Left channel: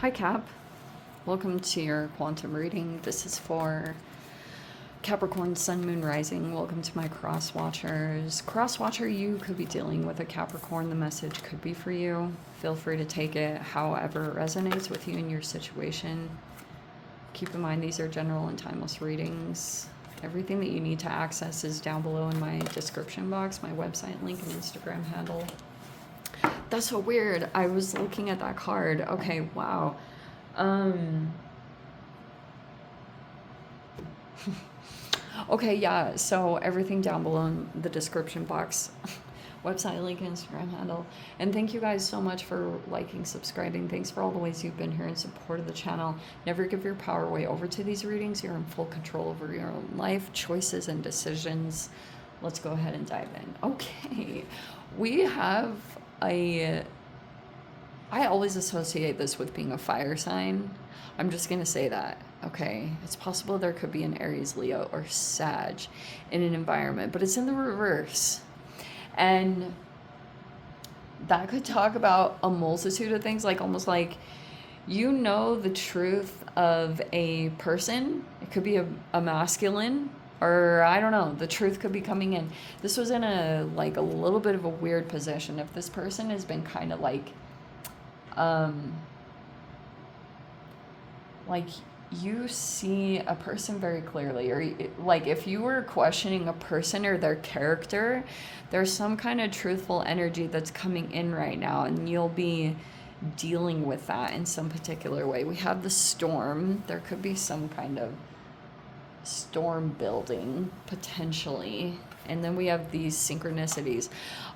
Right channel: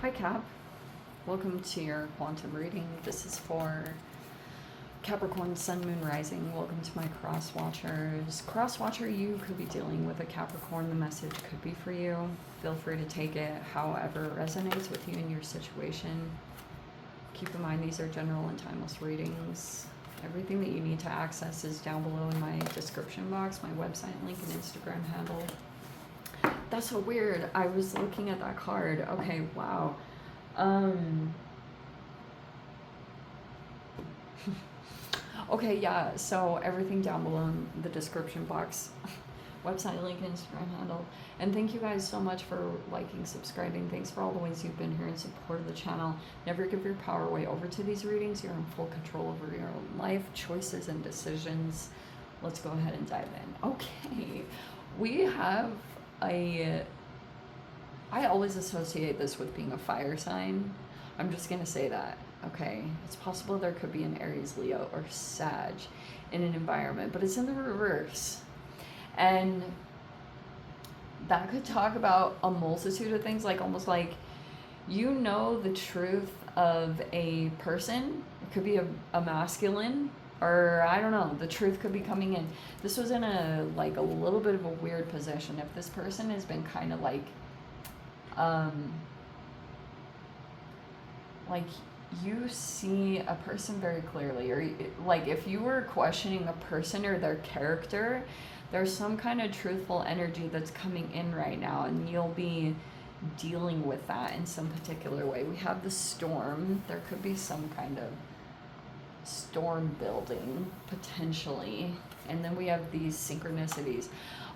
Hi Cap, welcome to your quantum reading. This is for Capricorn, Sun, Moon, Rising. Welcome to my cross watchers. Cross watcher, you could be dealing with a Capricorn. The message could be for you. Feel free to take it however it resonates with you in your situation. Keep in mind these are general and timeless readings. Everything that you need to access is down below in my description box, my website link and Instagram handle. That's so weird. I was looking at that card. Okay, wow. Okay, yeah, so everything down below in the description box. Website link and Instagram handle. And thank you guys so much for liking, subscribing. Thanks for all the ways you've been here in support of the channel. Never give your power away over to these readings. You're in full control over your own life, choices, and decisions. Let's go ahead and dive in. Okay, we have I always associate this with being a fire sign. I'm just going to say that, okay? It's possible there could be an Aries, Leo, or Sag in an environment, but it's in the reverse. And that could talk about a multitude of things, like almost like you know the truth of a person. It could be a masculine, or I don't know, the truth could be coming in. This was in a little bit of a weird position. If this person has been kind of like you see a person very clearly, or like if you were questioning a person or their character, there's some kind of truthful energy that's coming in right now, and you'll be dealing with that in some particular way. We have the storm. There could be some kind of storm building potentially, and then we have these synchronicities.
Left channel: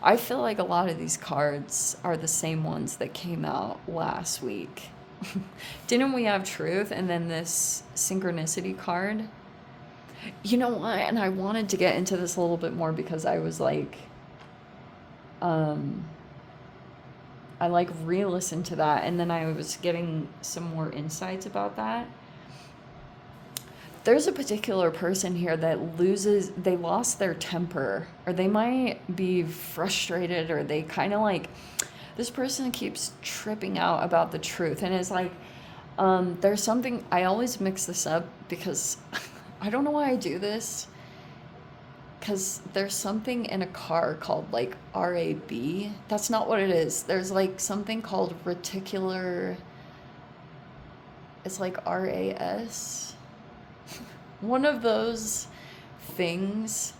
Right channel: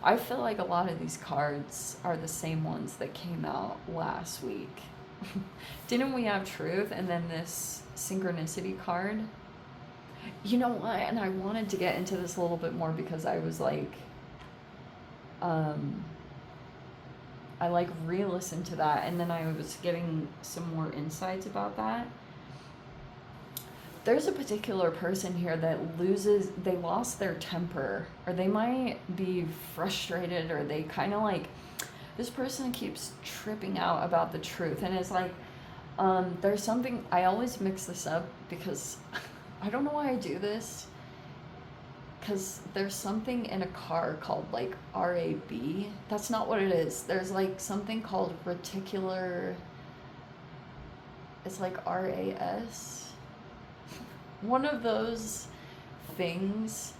I feel like a lot of these cards are the same ones that came out last week. Didn't we have truth and then this synchronicity card? You know what, and I wanted to get into this a little bit more because I was like I re-listened to that, and then I was getting some more insights about that. There's a particular person here that they lost their temper, or they might be frustrated, or they kind of like, this person keeps tripping out about the truth. And it's like, there's something, I always mix this up because I don't know why I do this, because there's something in a car called like RAB. That's not what it is. There's like something called reticular, it's like RAS. One of those things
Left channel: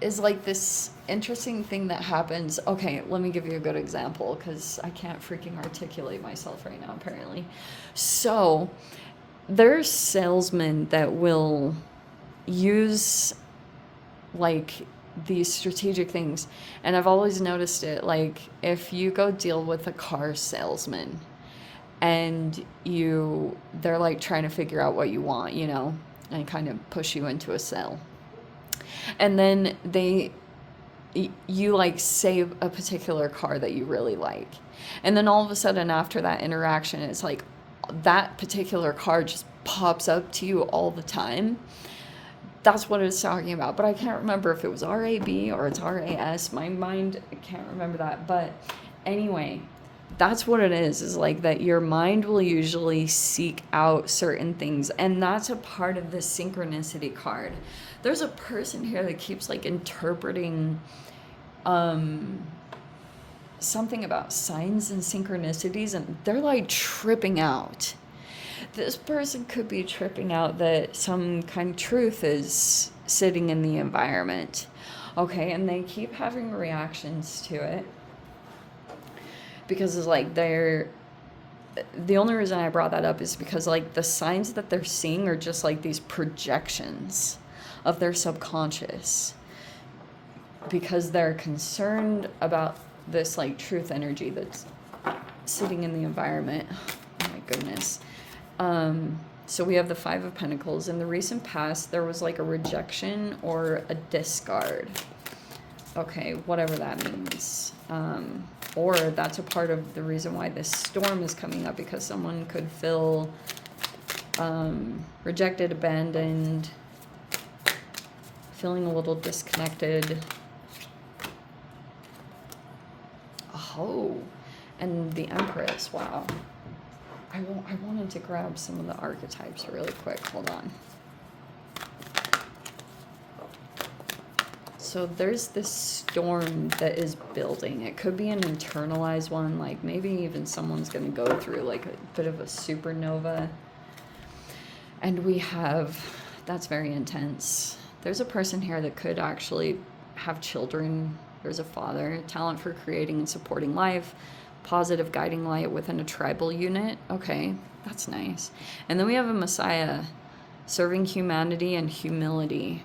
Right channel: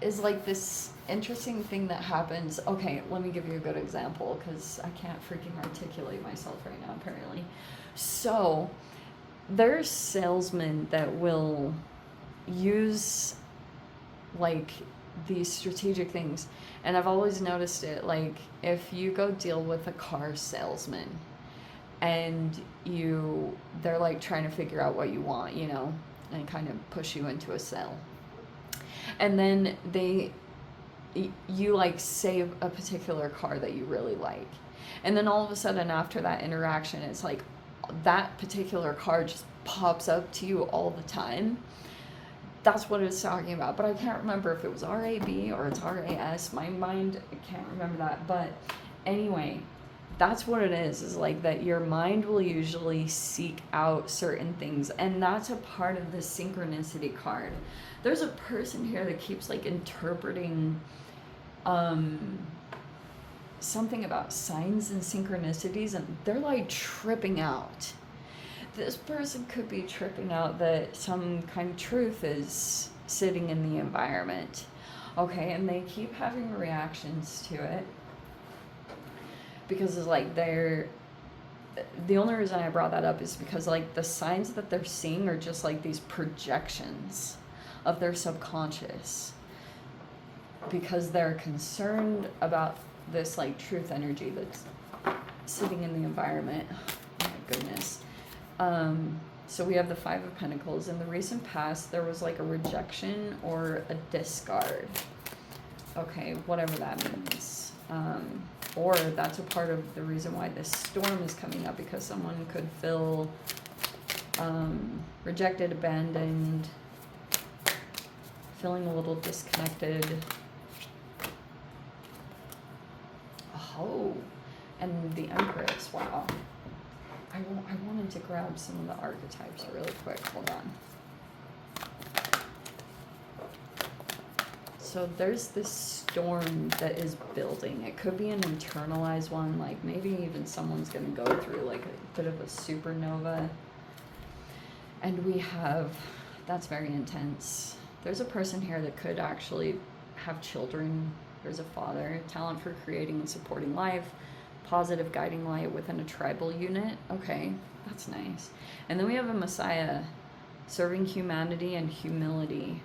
is like this interesting thing that happens. Okay, let me give you a good example because I can't freaking articulate myself right now, apparently. So there's salesmen that will use like these strategic things, and I've always noticed it. Like if you go deal with a car salesman, and they're like trying to figure out what you want, you know, and kind of push you into a sale. And then you like say a particular car that you really like. And then all of a sudden after that interaction, it's like that particular car just pops up to you all the time. That's what it's talking about. But I can't remember if it was RAB or it's RAS. My mind, I can't remember that. But anyway, that's what it is like that your mind will usually seek out certain things, and that's a part of the synchronicity card. There's a person here that keeps like interpreting something about signs and synchronicities, and they're like tripping out. This person could be tripping out that some kind of truth is sitting in the environment, okay, and they keep having reactions to it. Because it's like the only reason I brought that up is because like the signs that they're seeing are just like these projections of their subconscious, because they're concerned about this like truth energy that's sitting in the environment. Oh my goodness. So we have the Five of Pentacles. In the recent past, there was like a rejection or a discard. Okay, whatever that means. Or that's a part of the reason why this storm is coming up, because someone could feel rejected, abandoned, feeling a little disconnected. Oh, and the Empress, wow. I wanted to grab some of the archetypes really quick. Hold on. So there's this storm that is building. It could be an internalized one, like maybe even someone's going to go through like a bit of a supernova. And we have, that's very intense. There's a person here that could actually have children. There's a father, talent for creating and supporting life, positive guiding light within a tribal unit. Okay, that's nice. And then we have a Messiah, serving humanity and humility.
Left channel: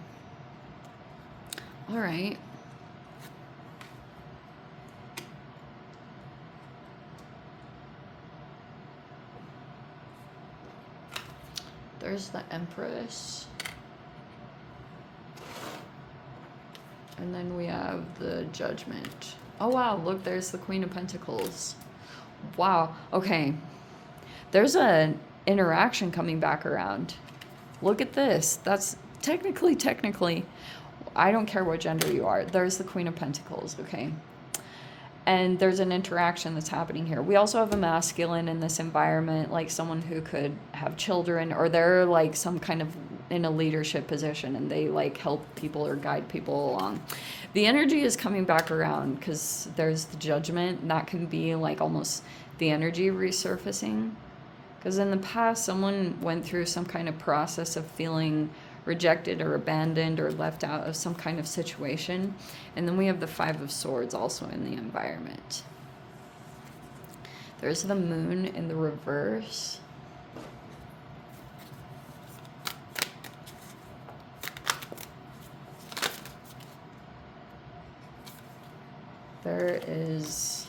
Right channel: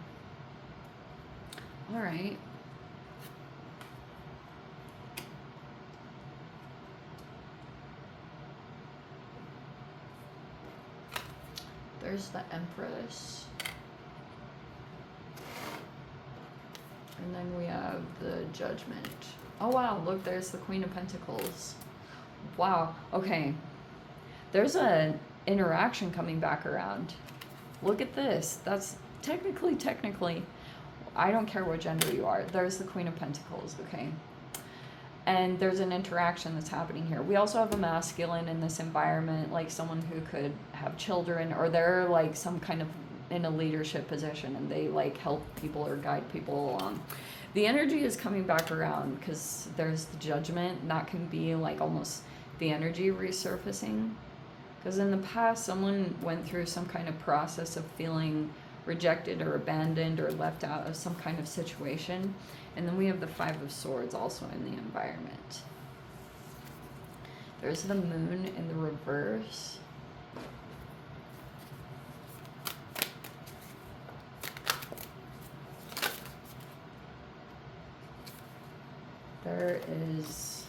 All right. There's the Empress. And then we have the Judgment. Oh, wow. Look, there's the Queen of Pentacles. Wow. Okay. There's an interaction coming back around. Look at this. That's technically, I don't care what gender you are. There's the Queen of Pentacles, okay? And there's an interaction that's happening here. We also have a masculine in this environment, like someone who could have children, or they're like some kind of in a leadership position and they like help people or guide people along. The energy is coming back around because there's the Judgment. And that can be like almost the energy resurfacing. Because in the past, someone went through some kind of process of feeling rejected or abandoned or left out of some kind of situation. And then we have the Five of Swords also in the environment. There's the Moon in the reverse. There is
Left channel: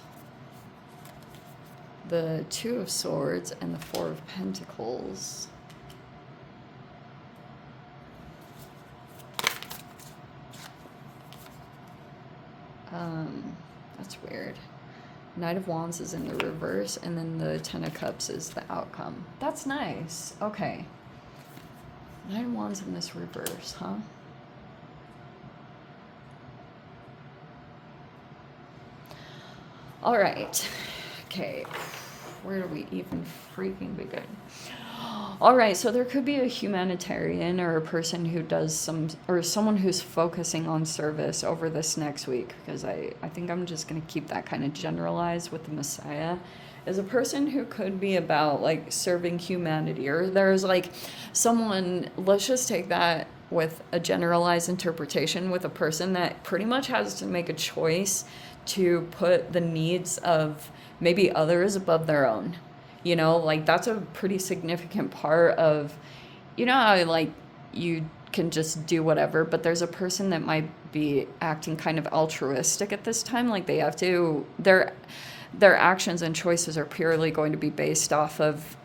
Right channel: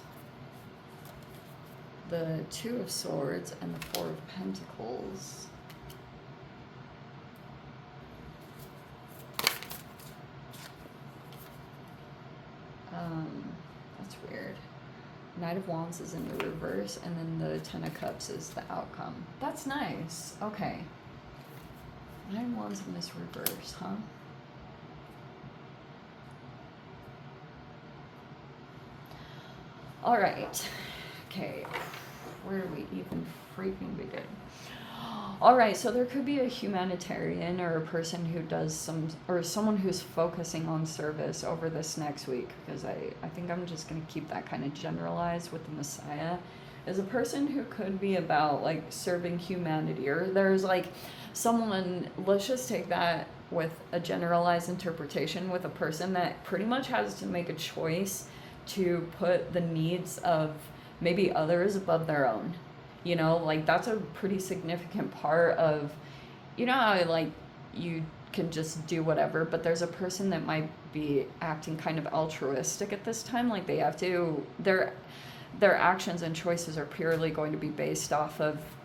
the Two of Swords and the Four of Pentacles. That's weird. Knight of Wands is in the reverse, and then the Ten of Cups is the outcome. That's nice. Okay. Knight of Wands in this reverse, huh? All right. Okay. Where do we even freaking begin? All right, so there could be a humanitarian or a person who does some, or someone who's focusing on service over this next week, because I think I'm just going to keep that kind of generalized with the Messiah, is a person who could be about like serving humanity, or there's like someone, let's just take that with a generalized interpretation, with a person that pretty much has to make a choice to put the needs of maybe others above their own. You know, like that's a pretty significant part of, you know how like you can just do whatever, but there's a person that might be acting kind of altruistic at this time. Like they have to, their actions and choices are purely going to be based off of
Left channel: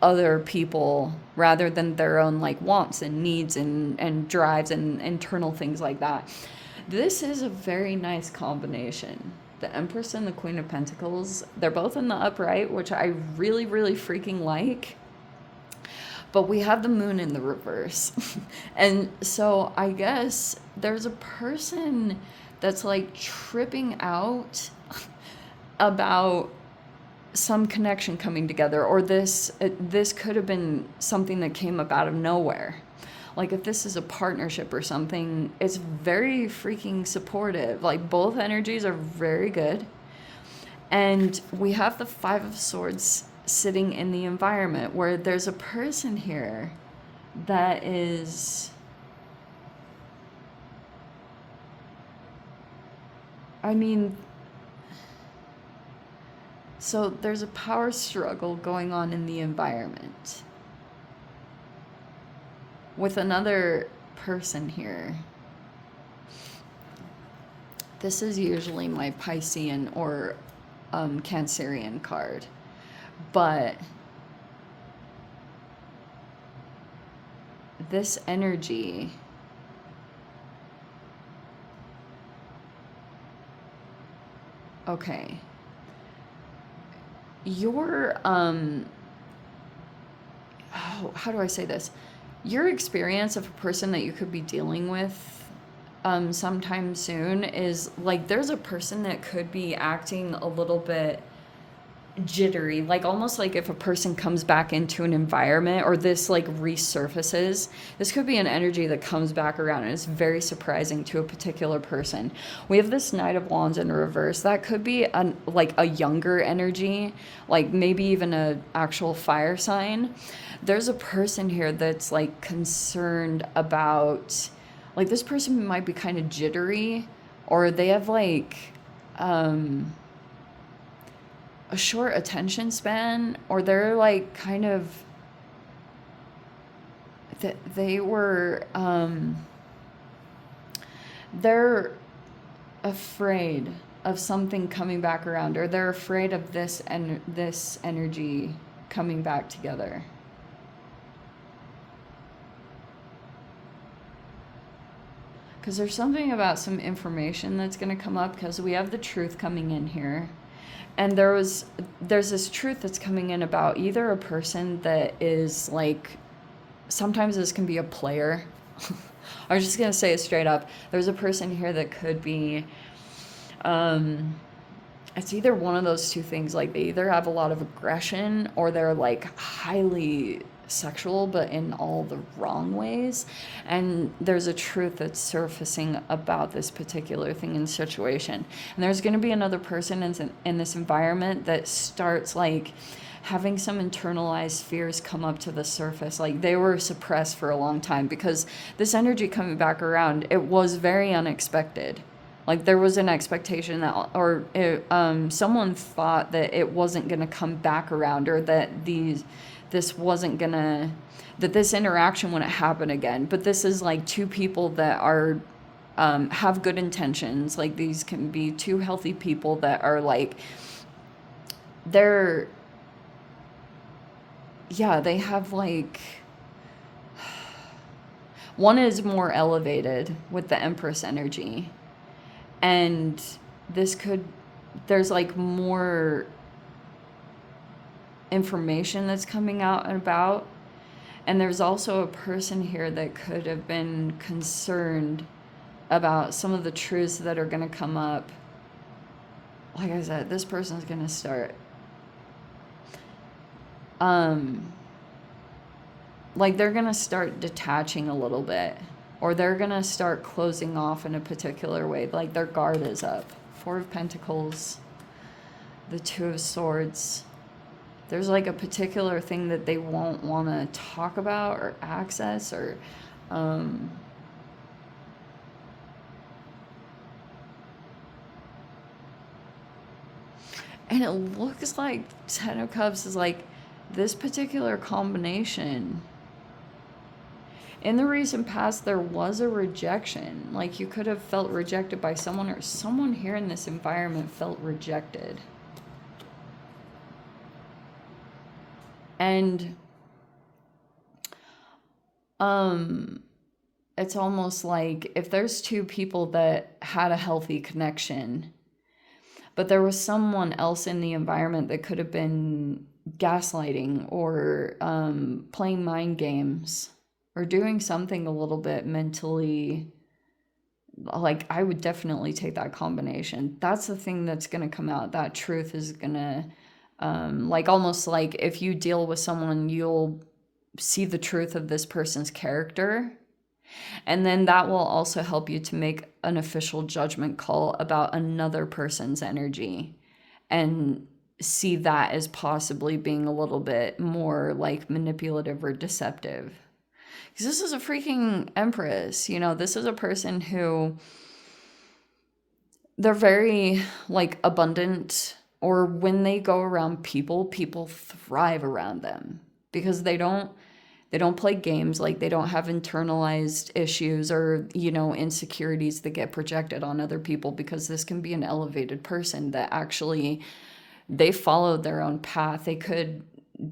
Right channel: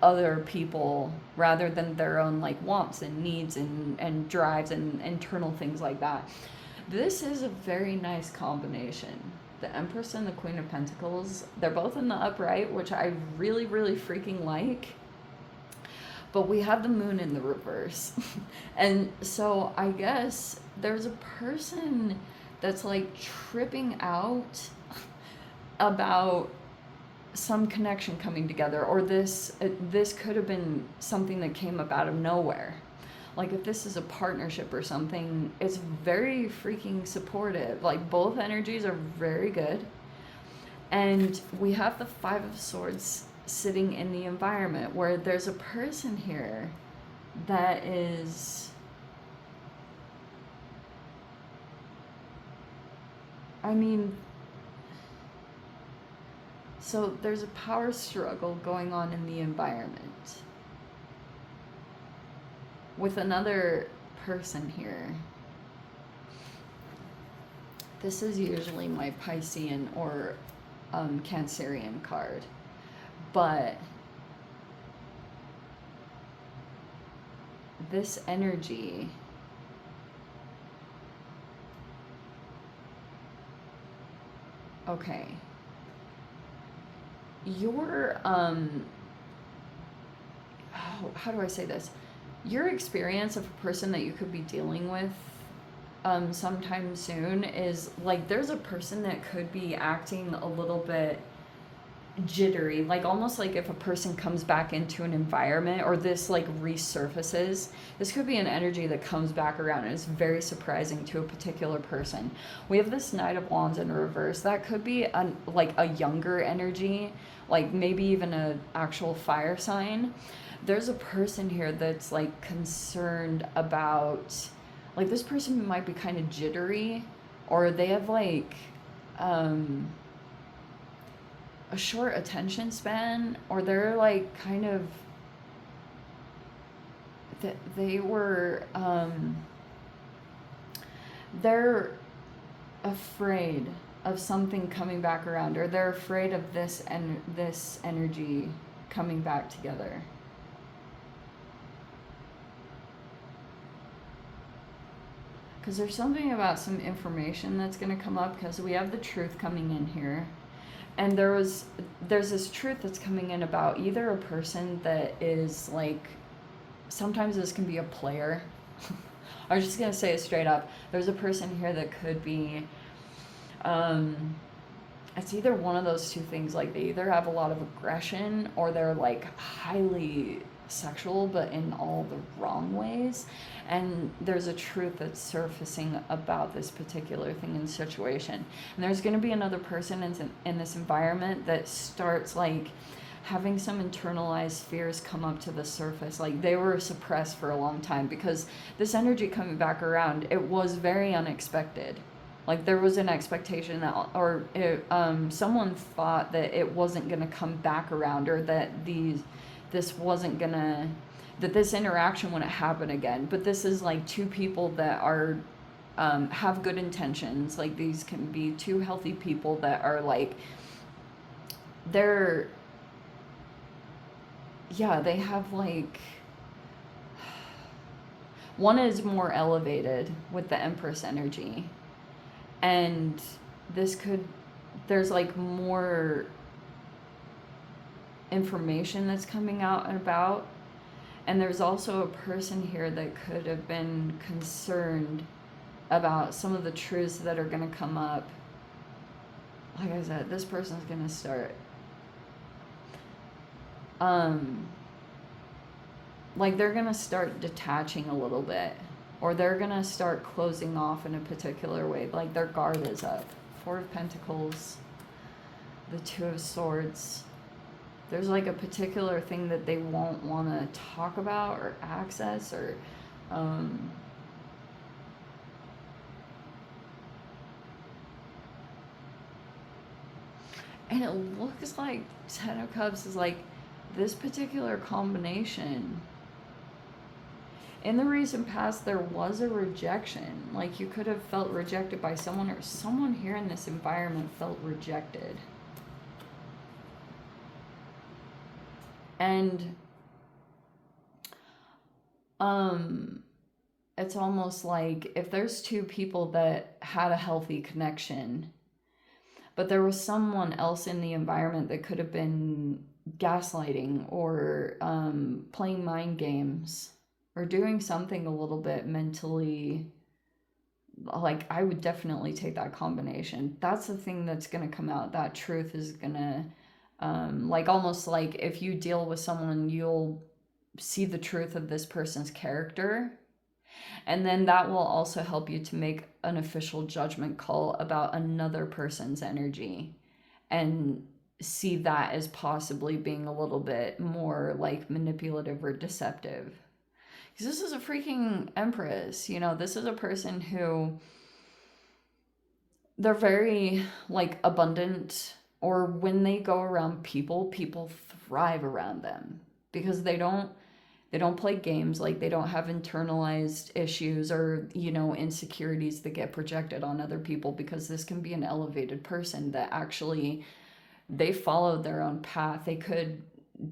other people rather than their own like wants and needs and drives and internal things like that. This is a very nice combination. The Empress and the Queen of Pentacles, they're both in the upright, which I really, really freaking like. But we have the Moon in the reverse. And so I guess there's a person that's like tripping out about some connection coming together, or this could have been something that came up out of nowhere. Like if this is a partnership or something, it's very freaking supportive. Like both energies are very good. And we have the Five of Swords sitting in the environment where there's a person here that is, I mean, so there's a power struggle going on in the environment with another person here. This is usually my Piscean or Cancerian card, but this energy okay, your how do I say this? Your experience of a person that you could be dealing with sometime soon is like there's a person that could be acting a little bit jittery, like almost like if a person comes back into an environment or this like resurfaces. This could be an energy that comes back around and it's very surprising to a particular person. We have this Knight of Wands in reverse. That could be like a younger energy, like maybe even a actual fire sign. There's a person here that's like concerned about, like this person might be kind of jittery, or they have like a short attention span, or they're like kind of they were they're afraid of something coming back around, or they're afraid of this energy coming back together. Because there's something about some information that's going to come up, because we have the truth coming in here. And there's this truth that's coming in about either a person that is like, sometimes this can be a player. I'm just going to say it straight up. There's a person here that could be, it's either one of those two things. Like they either have a lot of aggression, or they're like highly sexual, but in all the wrong ways. And there's a truth that's surfacing about this particular thing and situation. And there's going to be another person in this environment that starts like having some internalized fears come up to the surface. Like they were suppressed for a long time, because this energy coming back around, it was very unexpected. Like there was an expectation that, or someone thought that it wasn't going to come back around, or that this wasn't gonna, that this interaction wouldn't happen again. But this is like two people that are have good intentions. Like these can be two healthy people that are like, they have like, one is more elevated with the Empress energy, and there's like more information that's coming out and about. And there's also a person here that could have been concerned about some of the truths that are going to come up. Like I said, this person's going to start like they're going to start detaching a little bit, or they're going to start closing off in a particular way. Like their guard is up. Four of Pentacles, the Two of Swords. There's like a particular thing that they won't want to talk about or access, or and it looks like Ten of Cups is like this particular combination. In the recent past, there was a rejection. Like you could have felt rejected by someone, or someone here in this environment felt rejected. And it's almost like if there's two people that had a healthy connection, but there was someone else in the environment that could have been gaslighting, or playing mind games, or doing something a little bit mentally, like I would definitely take that combination. That's the thing that's going to come out. That truth is going to, like almost like if you deal with someone, you'll see the truth of this person's character. And then that will also help you to make an official judgment call about another person's energy, and see that as possibly being a little bit more like manipulative or deceptive. Because this is a freaking Empress, you know, this is a person who, they're very like abundant, or when they go around people thrive around them, because they don't play games. Like they don't have internalized issues, or, you know, insecurities that get projected on other people, because this can be an elevated person that actually, they follow their own path. They could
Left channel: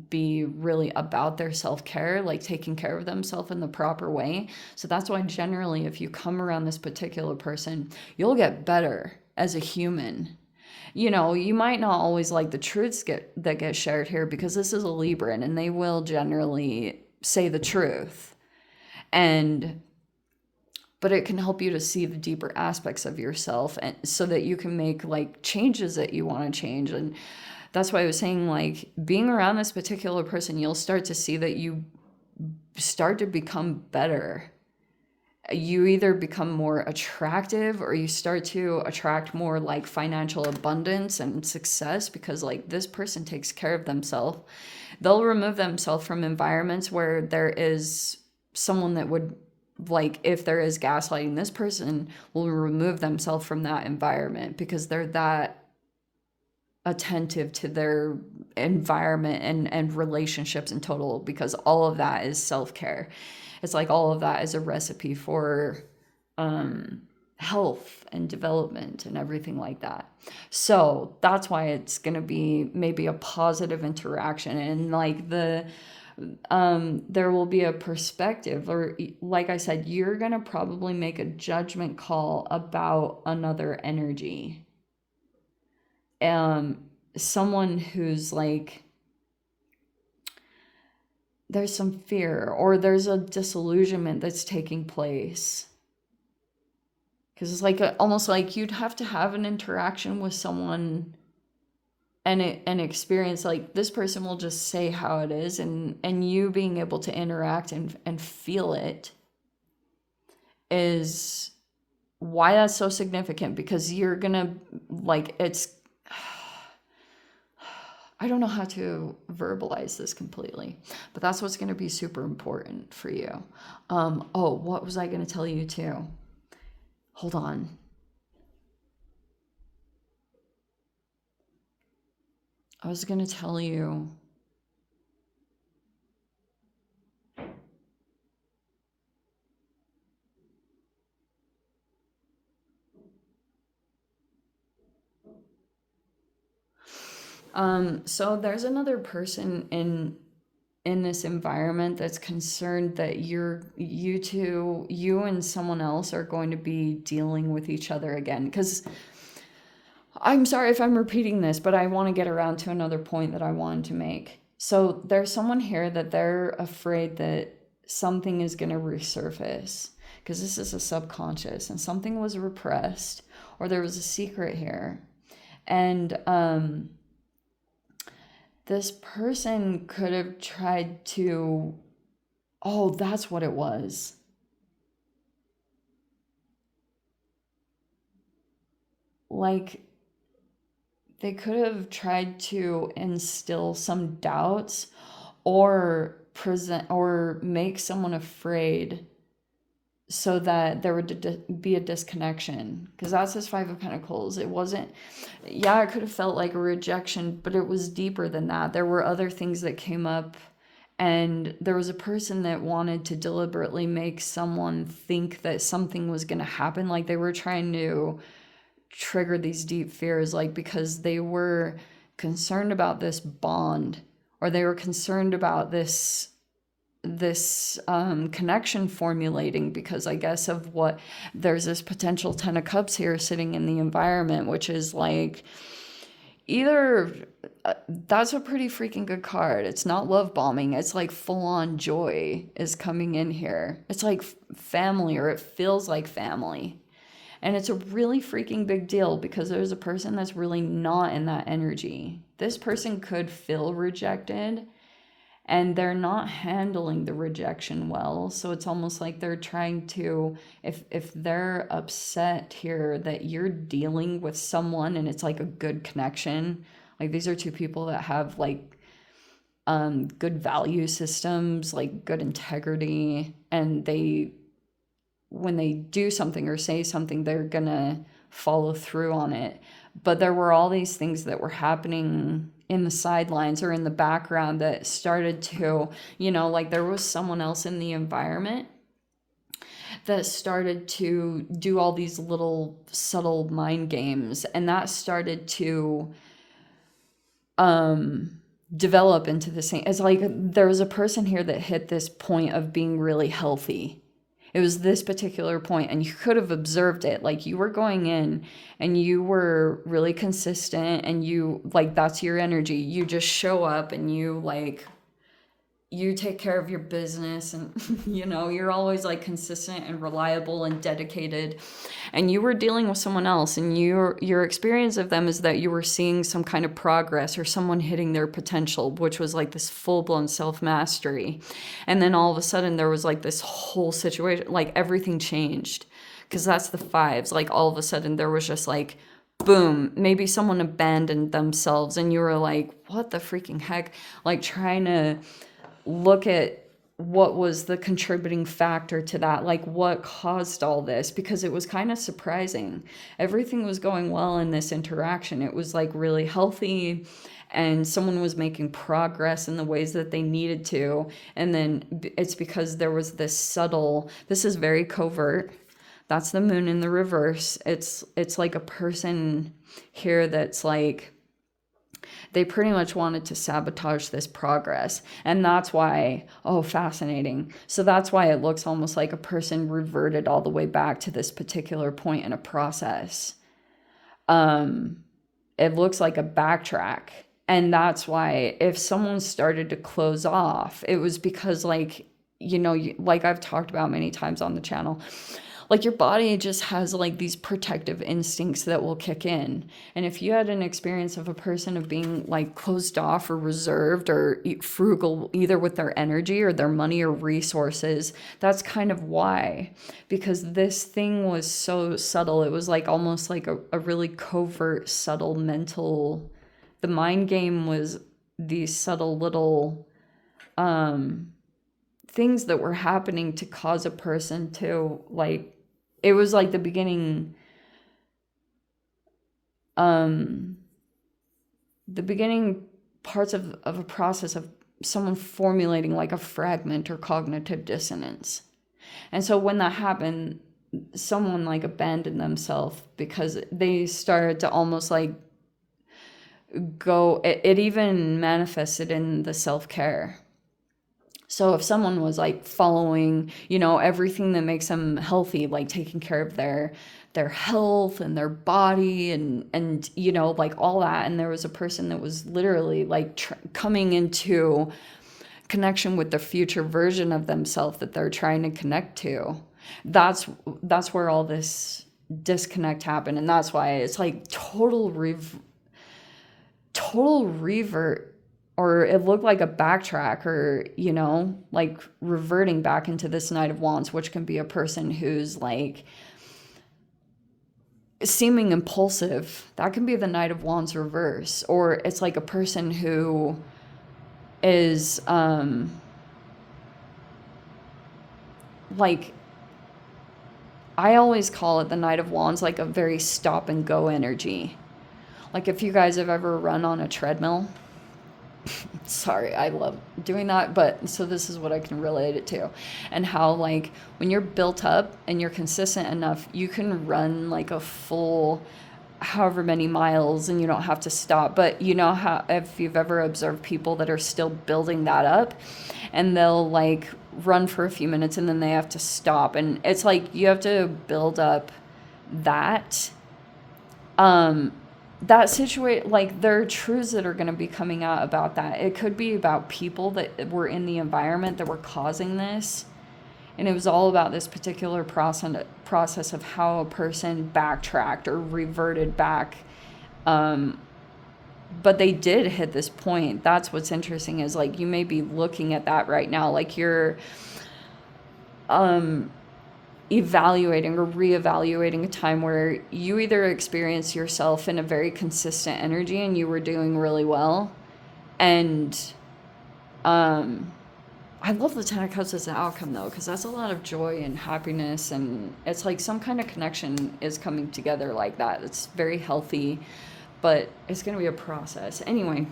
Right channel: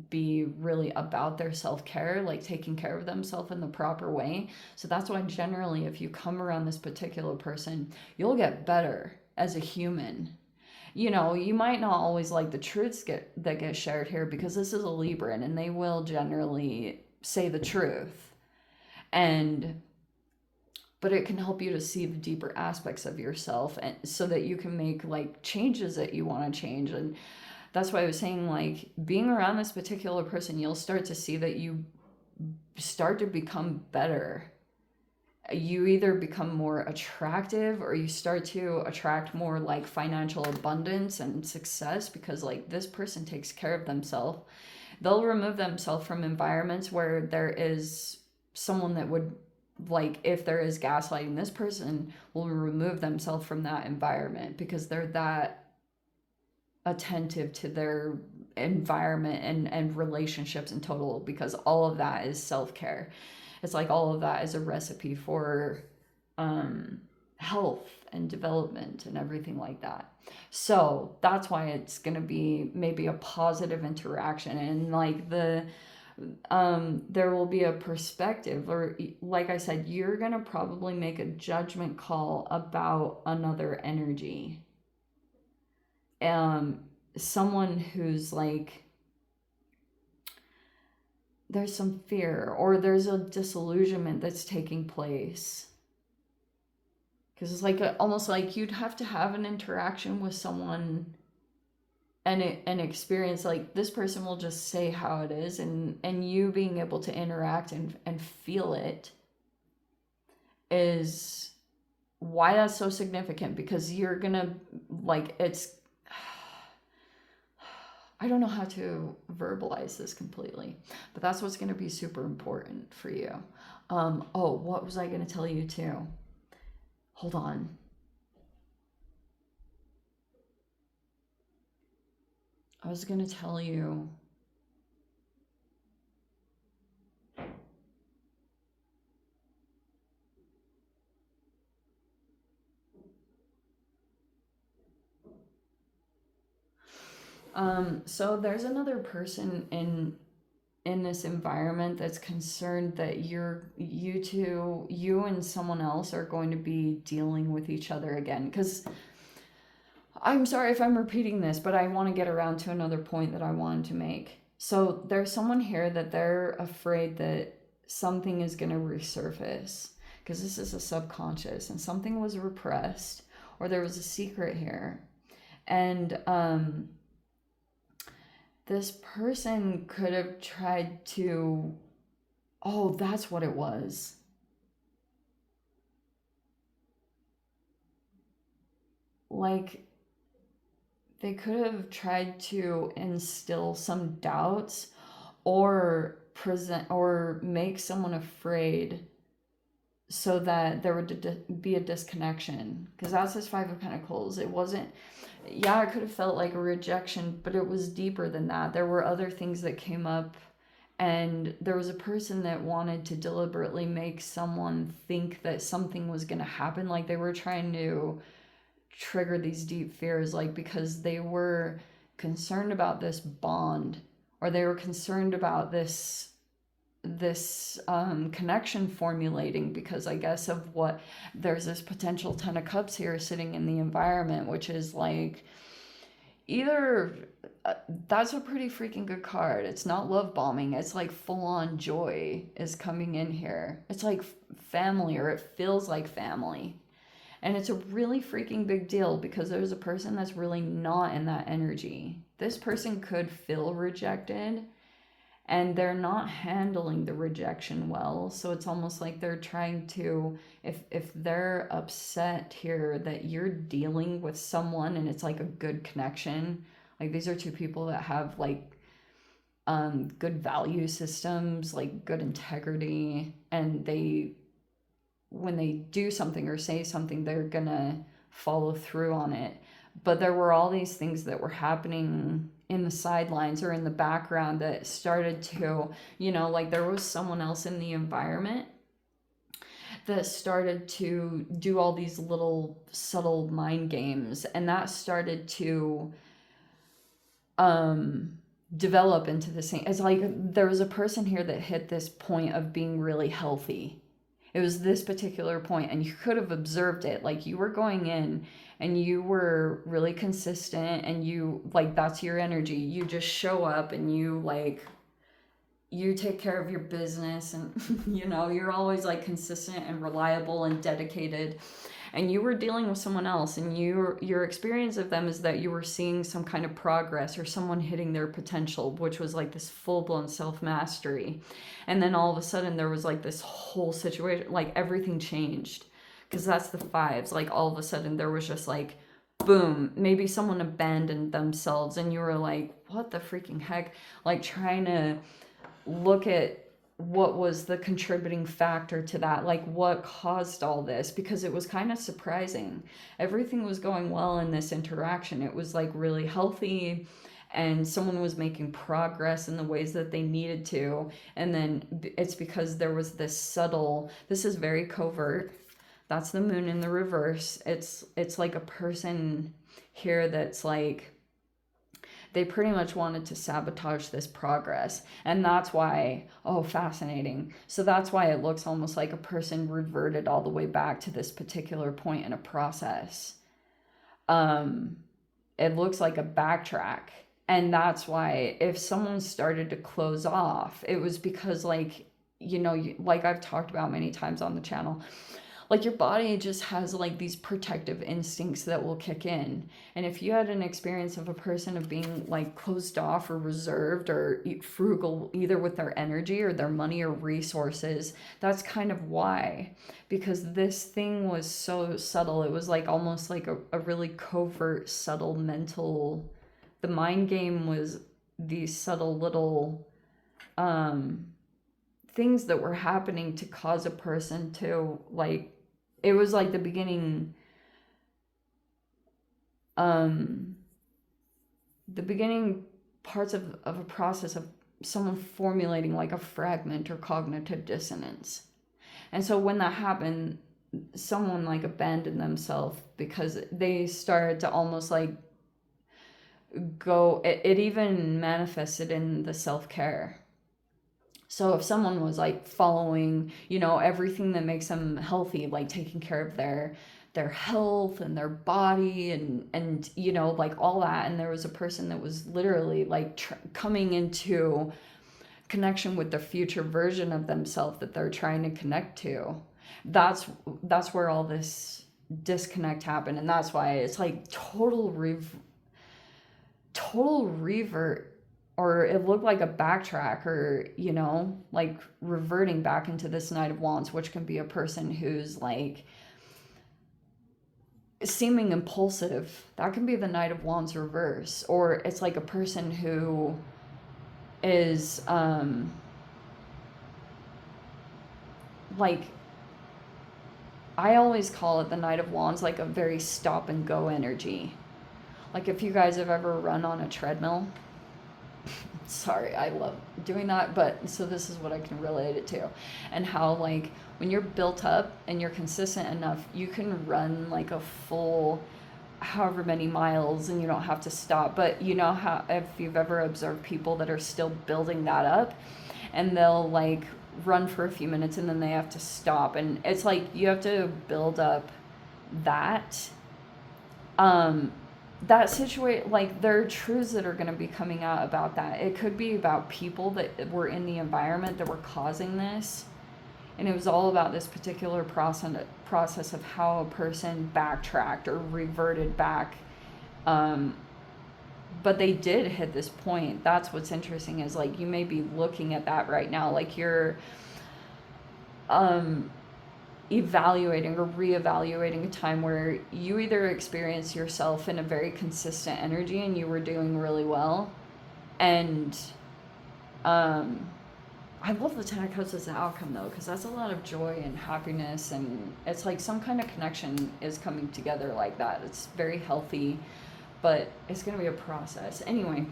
be really about their self-care, like taking care of themselves in the proper way. So that's why generally if you come around this particular person, you'll get better as a human. You know, you might not always like the truths that get shared here, because this is a Libran and they will generally say the truth. But it can help you to see the deeper aspects of yourself, and so that you can make like changes that you want to change. And that's why I was saying, like, being around this particular person, you'll start to see that you start to become better. You either become more attractive, or you start to attract more like financial abundance and success, because like this person takes care of themselves. They'll remove themselves from environments where there is someone that would, like, if there is gaslighting, this person will remove themselves from that environment because they're that attentive to their environment and relationships in total, because all of that is self-care. It's like all of that is a recipe for health and development and everything like that. So that's why it's going to be maybe a positive interaction, and like there will be a perspective, or like I said, you're going to probably make a judgment call about another energy. Someone who's like, there's some fear, or there's a disillusionment that's taking place. Because it's like almost like you'd have to have an interaction with someone and experience, like, this person will just say how it is, and you being able to interact and feel it is why that's so significant. Because you're gonna, like, it's, I don't know how to verbalize this completely, but that's what's going to be super important for you. Oh, what was I going to tell you too? Hold on. I was going to tell you. So there's another person in this environment that's concerned that you and someone else are going to be dealing with each other again. Because I'm sorry if I'm repeating this, but I want to get around to another point that I wanted to make. So there's someone here that they're afraid that something is going to resurface, because this is a subconscious and something was repressed, or there was a secret here. And this person could have tried to, oh, that's what it was. Like, they could have tried to instill some doubts or make someone afraid, so that there would be a disconnection. Because that's this Five of Pentacles. It wasn't, yeah, it could have felt like a rejection, but it was deeper than that. There were other things that came up, and there was a person that wanted to deliberately make someone think that something was going to happen. Like, they were trying to trigger these deep fears, like, because they were concerned about this bond, or they were concerned about this connection formulating, because I guess of what, there's this potential 10 of Cups here sitting in the environment, which is like, either that's a pretty freaking good card. It's not love bombing. It's like full on joy is coming in here. It's like family, or it feels like family. And it's a really freaking big deal, because there's a person that's really not in that energy. This person could feel rejected, and they're not handling the rejection well. So it's almost like they're trying to, if they're upset here that you're dealing with someone and it's like a good connection, like these are two people that have like good value systems, like good integrity, and they, when they do something or say something, they're gonna follow through on it. But there were all these things that were happening in the sidelines or in the background that started to, like there was someone else in the environment that started to do all these little subtle mind games, and that started to develop into the same. It's like there was a person here that hit this point of being really healthy. It was this particular point, and you could have observed it. Like, you were going in and you were really consistent, and you, like, that's your energy. You just show up and you, like, you take care of your business, and you know, you're always like consistent and reliable and dedicated, and you were dealing with someone else, and your experience of them is that you were seeing some kind of progress or someone hitting their potential, which was like this full-blown self-mastery. And then all of a sudden there was like this whole situation, like everything changed, because that's the fives. Like all of a sudden there was just like, boom, maybe someone abandoned themselves, and you were like, what the freaking heck? Like trying to look at what was the contributing factor to that, like what caused all this, because it was kind of surprising. Everything was going well in this interaction. It was like really healthy, and someone was making progress in the ways that they needed to. And then it's because there was this subtle, this is very covert. That's the moon in the reverse. It's like a person here that's like, they pretty much wanted to sabotage this progress. And that's why, oh, fascinating. So that's why it looks almost like a person reverted all the way back to this particular point in a process. It looks like a backtrack. And that's why if someone started to close off, it was because, like, you know, like I've talked about many times on the channel, like your body just has like these protective instincts that will kick in. And if you had an experience of a person of being like closed off or reserved or frugal, either with their energy or their money or resources, that's kind of why. Because this thing was so subtle. It was like almost like a really covert, subtle mental, the mind game was these subtle little things that were happening to cause a person to like, it was like the beginning parts of a process of someone formulating like a fragment or cognitive dissonance. And so when that happened, someone like abandoned themselves because they started to almost like go, it even manifested in the self-care. So if someone was like following, you know, everything that makes them healthy, like taking care of their health and their body and you know, like all that, and there was a person that was literally like coming into connection with the future version of themselves that they're trying to connect to, that's where all this disconnect happened. And that's why it's like total revert, or it looked like a backtrack, or, you know, like reverting back into this Knight of Wands, which can be a person who's like seeming impulsive. That can be the Knight of Wands reverse. Or it's like a person who is like, I always call it the Knight of Wands, like a very stop and go energy. Like if you guys have ever run on a treadmill, sorry, I love doing that, but so this is what I can relate it to, and how like when you're built up and you're consistent enough, you can run like a full however many miles and you don't have to stop. But you know how, if you've ever observed people that are still building that up, and they'll like run for a few minutes and then they have to stop, and it's like you have to build up that that situation. Like there are truths that are going to be coming out about that. It could be about people that were in the environment that were causing this, and it was all about this particular process of how a person backtracked or reverted back, but they did hit this point. That's what's interesting, is like you may be looking at that right now, like you're evaluating or reevaluating a time where you either experienced yourself in a very consistent energy and you were doing really well, and I love the Ten of Cups as an outcome though, because that's a lot of joy and happiness, and it's like some kind of connection is coming together like that. It's very healthy, but it's going to be a process. Anyway,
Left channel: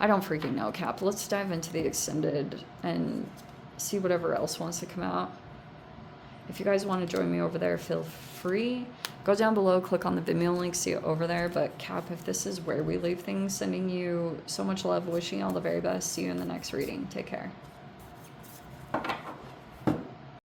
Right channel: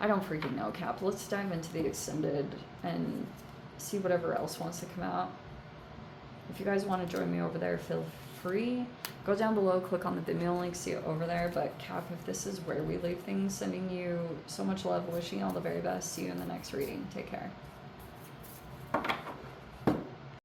I don't freaking know, Cap. Let's dive into the extended and see whatever else wants to come out. If you guys want to join me over there, feel free. Go down below, click on the Vimeo link, see it over there. But Cap, if this is where we leave things, sending you so much love, wishing you all the very best. See you in the next reading. Take care.